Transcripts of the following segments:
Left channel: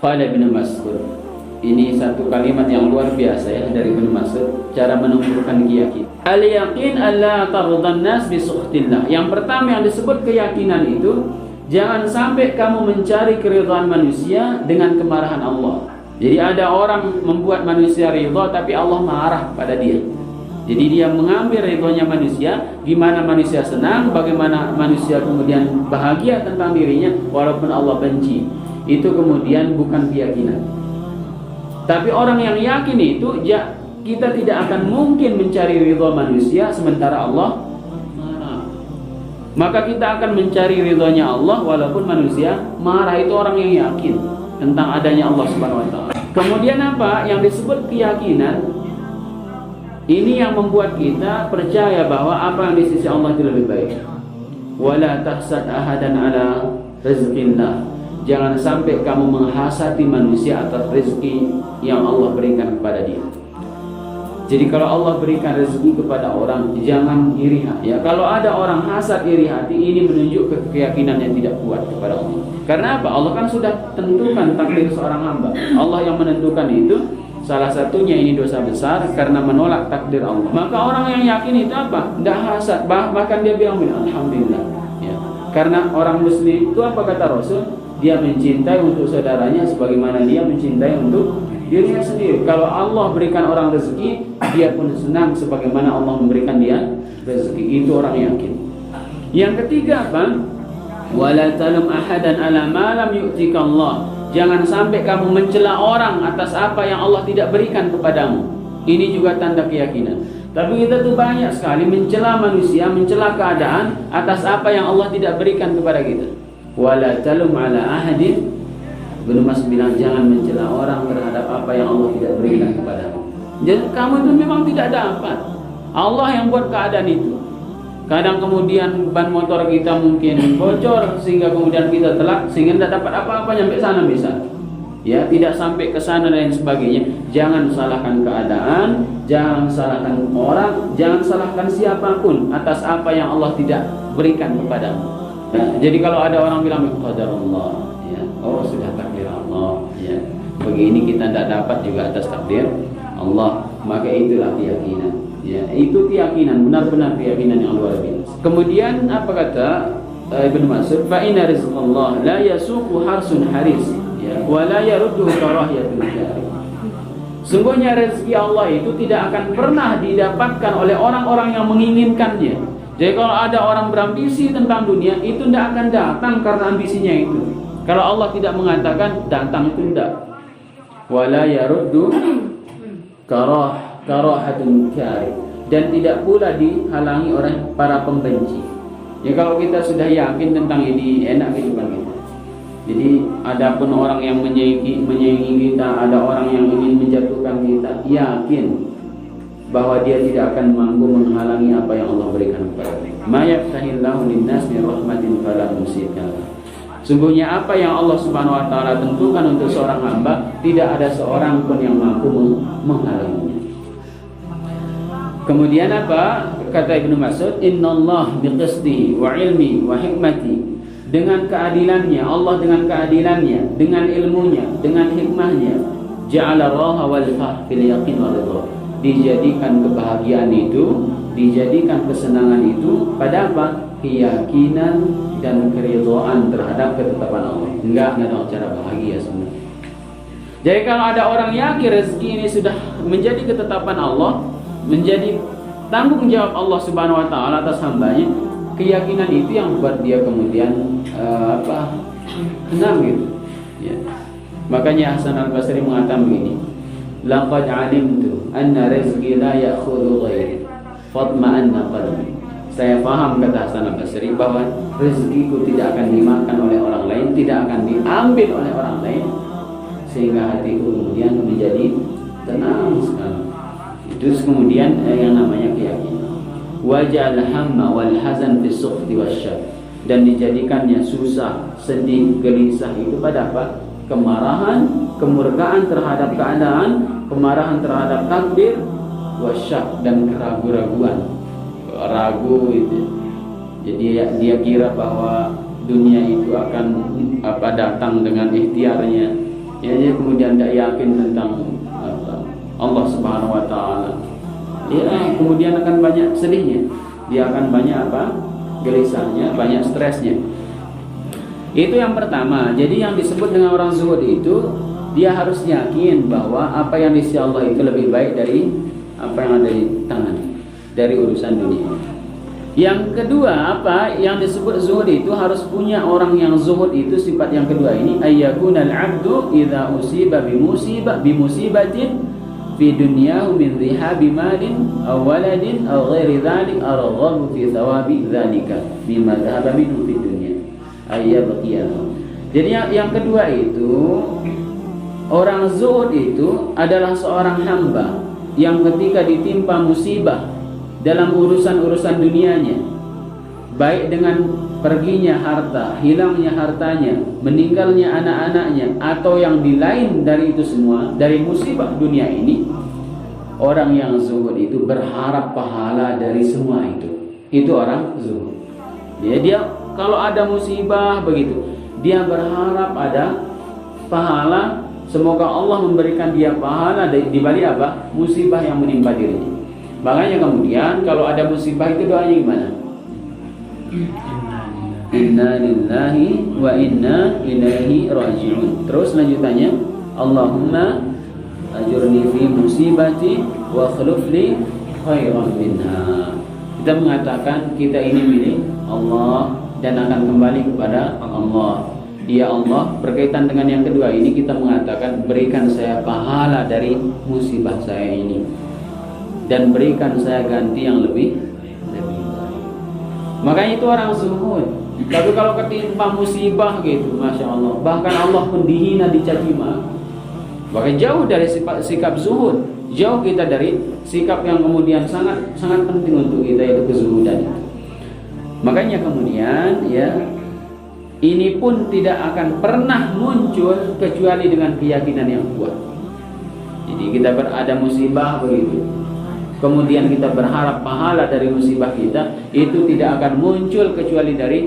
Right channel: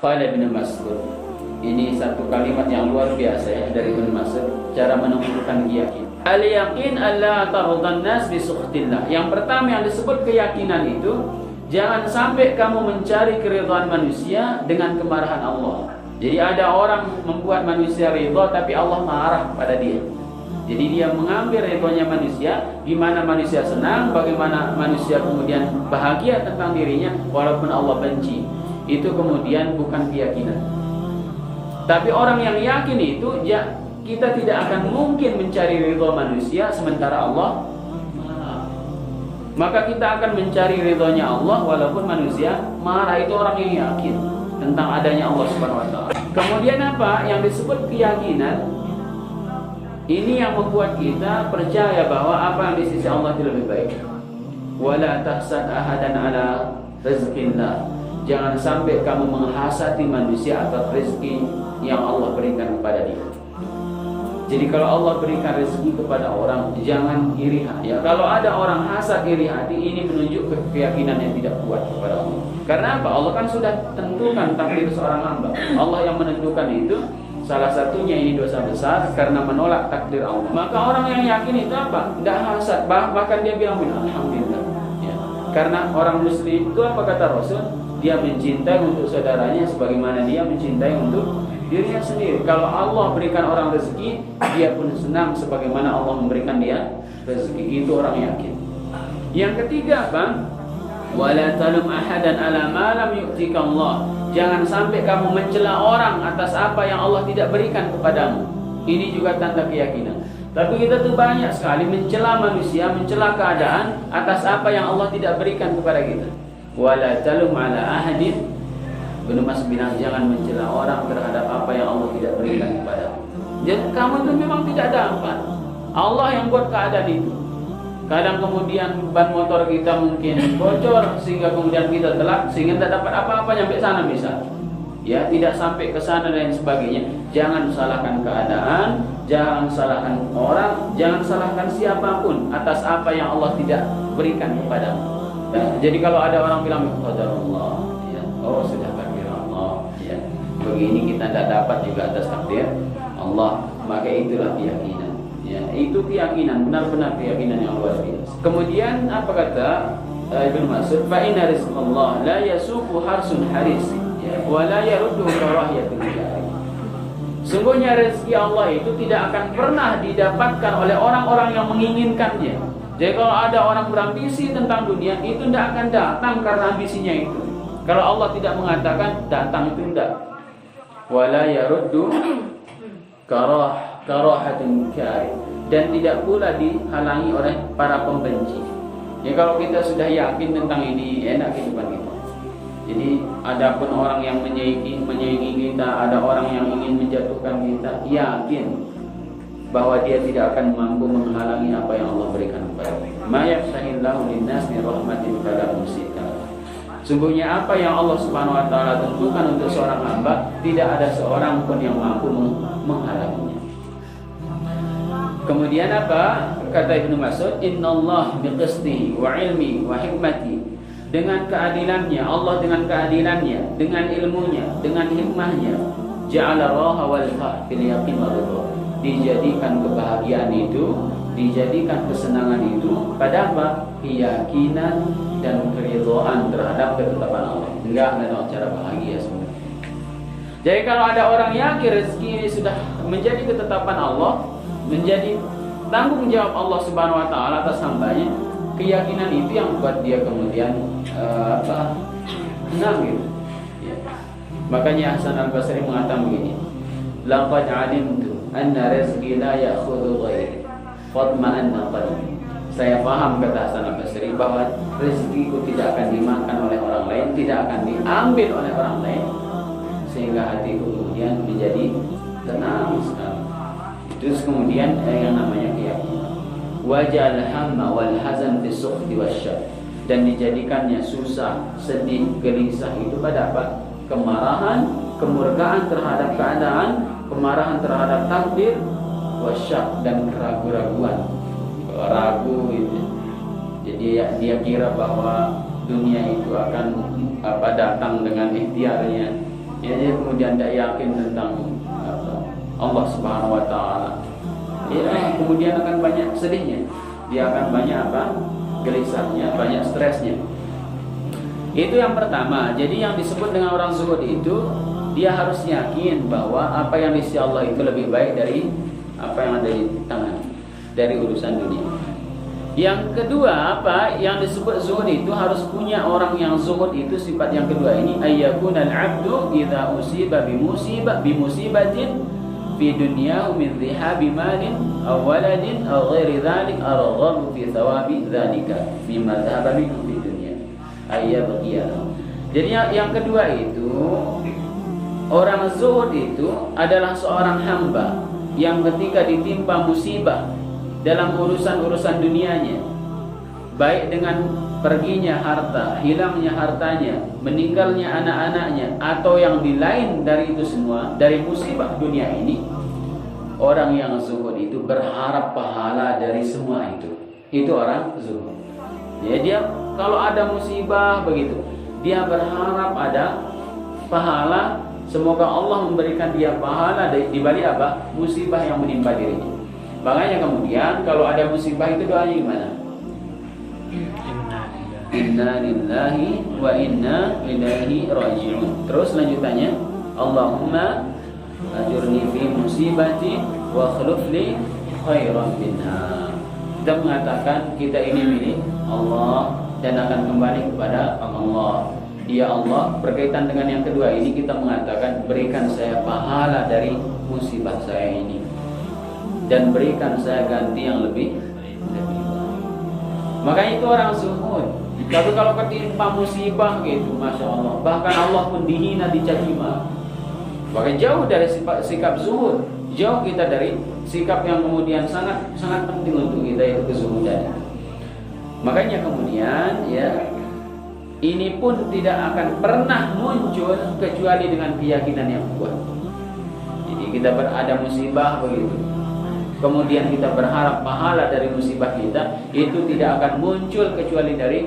Qala Ibnu Mas'ud. Ini satu kalimat yang luar biasa ya dari Ibnu Mas'ud, cara menunjukkan keyakinan. Al-yaqin alla tardan nas bi sukhtillah. Yang pertama yang disebut keyakinan itu, jangan sampai kamu mencari keridhaan manusia dengan kemarahan Allah. Jadi ada orang membuat manusia ridha tapi Allah marah pada dia. Jadi dia mengambil ridhonya manusia, gimana manusia senang, bagaimana manusia kemudian bahagia tentang dirinya walaupun Allah benci. Itu kemudian bukan keyakinan. Tapi orang yang yakin itu, kita tidak akan mungkin mencari ridha manusia sementara Allah marah. Maka kita akan mencari ridhonya Allah walaupun manusia marah. Itu orang yang yakin tentang adanya Allah Subhanahu wa taala. Kemudian apa yang disebut keyakinan? Ini yang membuat kita percaya bahwa apa yang di sisi Allah itu lebih baik. Wala tahsad ahadan ala rizqillah. Jangan sampai kamu menghasati manusia atas rezeki yang Allah berikan kepada dia. Jadi kalau Allah berikan rezeki kepada orang, jangan iri hati. Ya, kalau ada orang hasad iri hati, ini menunjuk keyakinan yang tidak kuat kepada Allah. Karena apa? Allah kan sudah tentukan takdir seorang hamba. Allah yang menentukan itu. Salah satunya ini dosa besar karena menolak takdir Allah. Maka orang yang yakin itu apa? Tidak hasad, bahkan dia bilang alhamdulillah. Ya. Karena orang muslim itu apa kata Rasul? Dia mencintai untuk saudaranya sebagaimana dia mencintai untuk dirinya sendiri. Kalau Allah berikan orang rezeki, dia pun senang sebagaimana Allah memberikan dia rezeki. Itu orang yakin. Yang ketiga apa? Wala talum ahadan ala ma lam yu'tika Allah. Jangan sampai kamu mencela orang atas apa yang Allah tidak berikan kepadamu. Ini juga tanda keyakinan. Tapi kita tuh banyak sekali mencela manusia, mencela keadaan atas apa yang Allah tidak berikan kepada kita. Wala talum ala ahadin. Ibnu Mas'ud bilang jangan mencela orang terhadap apa yang Allah tidak berikan kepadamu. Jadi kamu itu memang tidak dapat. Allah yang buat keadaan itu. Kadang kemudian ban motor kita mungkin bocor sehingga kemudian kita telak sehingga tidak dapat apa-apa sampai sana bisa. Ya, tidak sampai ke sana dan sebagainya. Jangan salahkan keadaan, jangan salahkan orang, jangan salahkan siapapun atas apa yang Allah tidak berikan kepadamu. Ya, jadi kalau ada orang bilang qadarullah, ya, oh sudah takdir Allah, ya. Begini kita tidak dapat juga atas takdir Allah, maka itulah keyakinan. Ya, itu keyakinan, benar-benar keyakinan yang luar biasa. Kemudian apa kata Ibnu Mas'ud? Fa inna rizqallah la yasuqu harsun haris, ya, wa la yaruddu karahiyatul jahil. Sungguhnya rezeki Allah itu tidak akan pernah didapatkan oleh orang-orang yang menginginkannya. Jadi kalau ada orang berambisi tentang dunia, itu tidak akan datang karena ambisinya itu. Kalau Allah tidak mengatakan datang itu tidak. Wala yaruddu karahatun kai, dan tidak pula dihalangi oleh para pembenci. Ya kalau kita sudah yakin tentang ini, enak kehidupan kita. Jadi adapun orang yang menyaingi kita, ada orang yang ingin menjatuhkan kita, yakin bahwa dia tidak akan mampu menghalangi apa yang Allah berikan kepada kita. Ma yafsahillahu lin-nas min rahmatin fala mumsika. Sungguhnya apa yang Allah Subhanahu wa taala tentukan untuk seorang hamba, tidak ada seorang pun yang mampu menghalanginya. Kemudian apa? Kata Ibnu Mas'ud, "Innallaha biqisdihi wa ilmi wa hikmati." Dengan keadilannya, Allah dengan keadilannya, dengan ilmunya, dengan hikmahnya, ja'ala raha wal fil yaqin wal ridha. Dijadikan kebahagiaan itu, dijadikan kesenangan itu pada apa? Keyakinan dan keridhaan terhadap ketetapan Allah. Enggak ada cara bahagia semua. Jadi kalau ada orang yakin rezeki ini sudah menjadi ketetapan Allah, menjadi tanggung jawab Allah Subhanahu wa taala atas hambanya, keyakinan itu yang buat dia kemudian senang gitu. Ya. Makanya Hasan Al-Basri mengatakan begini, laqad alimtu anna rizqi la ya'khudhu ghairi fatma'anna qalbi. Saya paham, kata Hasan Al-Basri, bahwa rezekiku tidak akan dimakan oleh orang lain, tidak akan diambil oleh orang lain, sehingga hatiku kemudian menjadi tenang sekali. Terus kemudian yang namanya keyakinan. Waja'al hamma wal hazan fi sukhti wasyaq, dan dijadikannya susah, sedih, gelisah itu pada apa? Kemarahan, kemurkaan terhadap keadaan, kemarahan terhadap takdir, wasyak, dan keraguan-raguan, ragu itu. Jadi dia kira bahwa dunia itu akan datang dengan ikhtiarnya, Ya, dia kemudian tidak yakin tentang Allah Subhanahu wa taala. Ya, kemudian akan banyak sedihnya. Dia akan banyak gelisahnya, banyak stresnya. Itu yang pertama. Jadi yang disebut dengan orang zuhud itu, dia harus yakin bahwa apa yang di sisi Allah itu lebih baik dari apa yang ada di tangan, dari urusan dunia. Yang kedua, yang disebut zuhud itu harus punya orang yang zuhud itu sifat yang kedua ini, ayyakunal 'abdu idza usiba bimusibatin fi dunyahu min rihabi malin aw waladin aw ghairi dzalik arghabu fi thawabi dzalika mimma dhahaba minhu fid dunya ayyabqiya. Jadi yang kedua itu, orang zuhud itu adalah seorang hamba yang ketika ditimpa musibah dalam urusan-urusan dunianya, baik dengan perginya harta, hilangnya hartanya, meninggalnya anak-anaknya, atau yang lain dari itu semua, dari musibah dunia ini, orang yang zuhud itu berharap pahala dari semua itu. Itu orang zuhud. Ya, dia kalau ada musibah begitu, dia berharap ada pahala. Semoga Allah memberikan dia pahala di balik musibah yang menimpa dirinya. Makanya kemudian kalau ada musibah itu doanya gimana? Inna lillahi wa inna ilaihi raji'un. Terus lanjutannya, Allahumma ajurni fi musibati wa akhlif li khairan minha. Kita mengatakan kita ini milik Allah dan akan kembali kepada Allah. Ya Allah, berkaitan dengan yang kedua ini kita mengatakan berikan saya pahala dari musibah saya ini dan berikan saya ganti yang lebih. Makanya itu orang zuhud. Tapi kalau ketimpa musibah gitu, masya Allah, bahkan Allah pun dihina, dicaci maki. Bahkan jauh dari sikap zuhud, jauh kita dari sikap yang kemudian sangat penting untuk kita, itu kezuhudan. Makanya kemudian ya, ini pun tidak akan pernah muncul kecuali dengan keyakinan yang kuat. Jadi kita berada musibah begitu, kemudian kita berharap pahala dari musibah kita, itu tidak akan muncul kecuali dari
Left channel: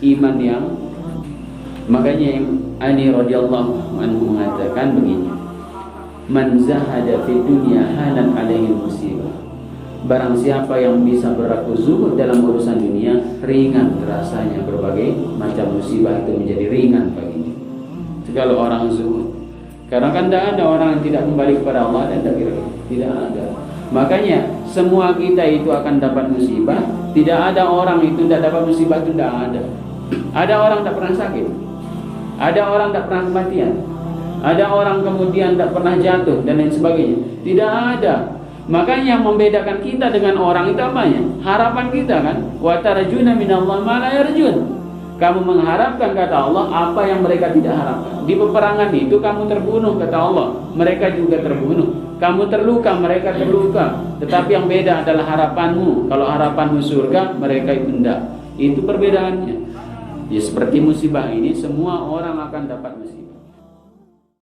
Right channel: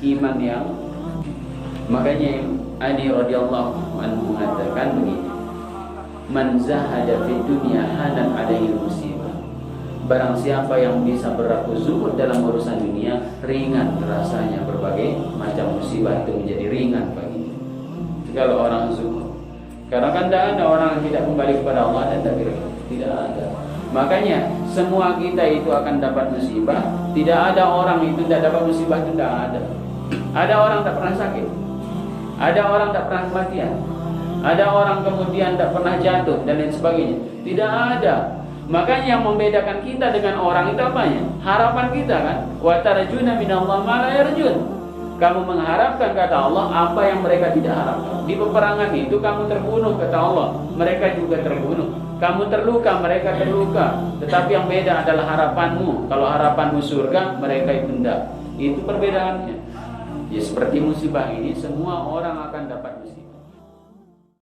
iman yang. Makanya Ali radhiyallahu anhu mengatakan begini, man zahada fi dunya hanan alaihi musibah. Barang siapa yang bisa berlaku zuhud dalam urusan dunia, ringan rasanya berbagai macam musibah itu menjadi ringan baginya. Kalau orang zuhud, karena kan tidak ada orang yang tidak kembali kepada Allah, dan tidak ada. Makanya semua kita itu akan dapat musibah. Tidak ada orang itu tidak dapat musibah, itu tidak ada. Ada orang tak pernah sakit, ada orang tak pernah kematian, ada orang kemudian tak pernah jatuh dan lain sebagainya. Tidak ada. Makanya yang membedakan kita dengan orang itu apanya? Harapan kita kan. Wa tarjuna minallahi ma la yarjun. Kamu mengharapkan kata Allah apa yang mereka tidak harapkan. Di peperangan itu kamu terbunuh kata Allah, mereka juga terbunuh. Kamu terluka, mereka terluka. Tetapi yang beda adalah harapanmu. Kalau harapanmu surga, mereka itu tidak. Itu perbedaannya. Ya seperti musibah ini, semua orang akan dapat musibah.